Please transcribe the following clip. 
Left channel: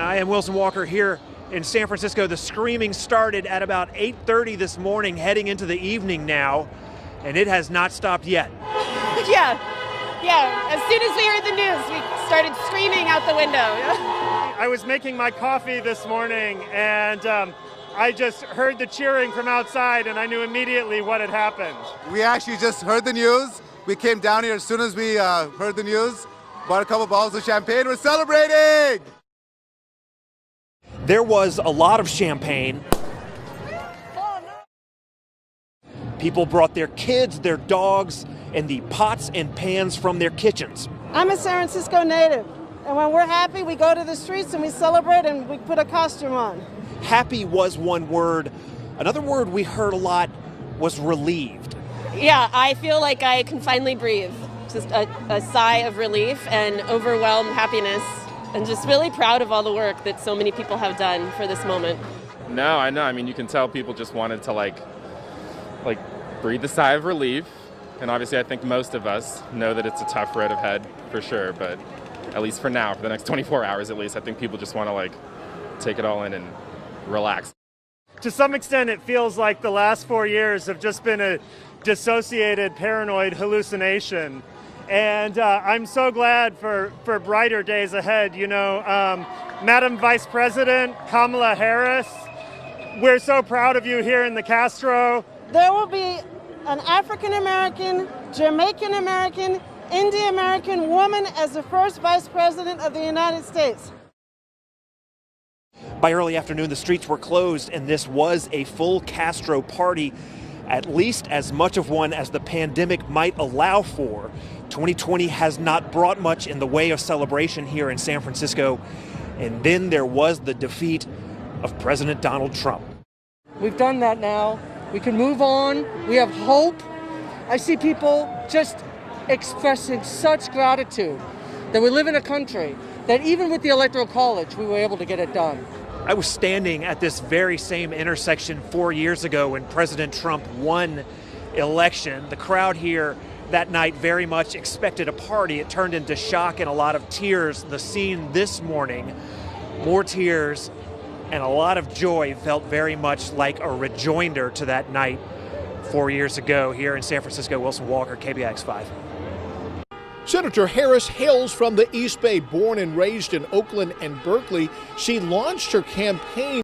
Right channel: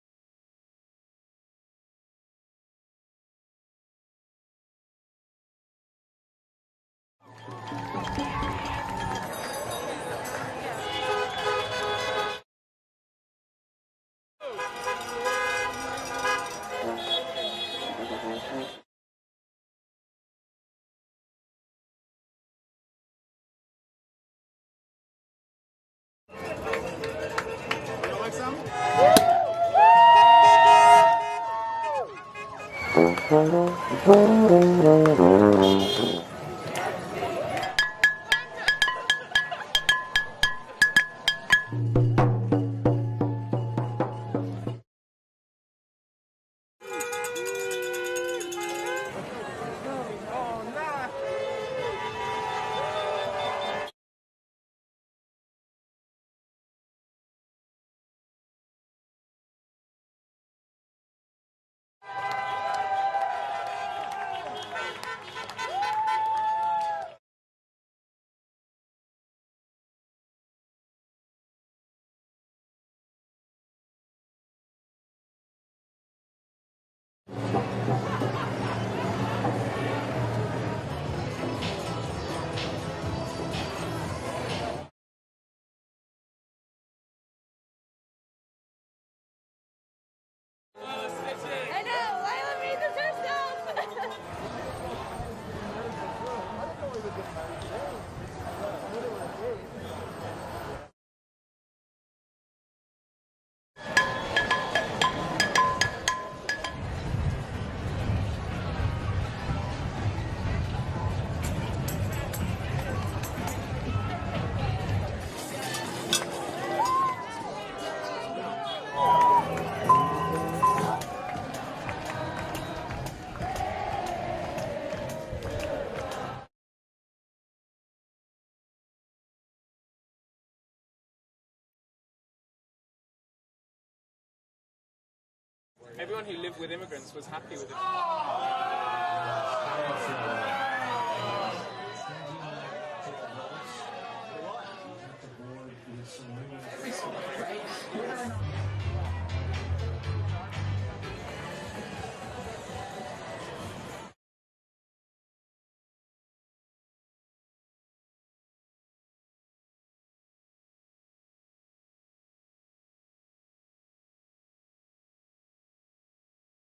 I am Wilson Walker here in San Francisco. The screaming started at about 8:30 this morning, heading into the evening now, and it has not stopped yet. Yeah. As soon as we heard the news, we started screaming out the window. I was making my coffee this morning, and I just heard the cheering from outside, and I knew immediately what had happened. We actually just heard the news. We came down here as soon as we heard the news, bought a couple bottles of champagne. We're celebrating! There was a lot of champagne. People brought their kids, their dogs, and the pots and pans from their kitchens. I'm a San Francisco native, and when we're happy, we go to the streets and we celebrate and we put a costume on. Happy was one word. Another word we heard a lot was relieved. Yeah, I feel like I can finally breathe. Just a sigh of relief and overwhelmed happiness, and just really proud of all the work that so many people have done for this moment. No, I know. I mean, you can tell people just wanted to like breathe a sigh of relief. And obviously, I think most of us know that it's a tough road ahead for sure. But at least for now, for the next 24 hours at least, I think people just want to take it all in and relax. To some extent, it feels like the last 4 years have just been a dissociated, paranoid hallucination. And I'm so glad for brighter days ahead. You know, Madam Vice President Kamala Harris, we're so proud of you here in the Castro. There will be an African-American, Jamaican-American, Indian-American woman as the first Vice President of the United States. By early afternoon, the streets were closed, and this was a full Castro party, at least as much of one as the pandemic might allow for. 2020 has not brought much in the way of celebration here in San Francisco. And then there was the defeat of President Donald Trump. We've done that now. We can move on. We have hope. I see people just expressing such gratitude that we live in a country that even with the Electoral College, we were able to get it done. I was standing at this very same intersection 4 years ago when President Trump won election. The crowd here that night very much expected a party. It turned into shock and a lot of tears. The scene this morning, more tears and a lot of joy, felt very much like a rejoinder to that night 4 years ago here in San Francisco. Wilson Walker, KPIX 5. Senator Harris hails from the East Bay. Born and raised in Oakland and Berkeley, she launched her campaign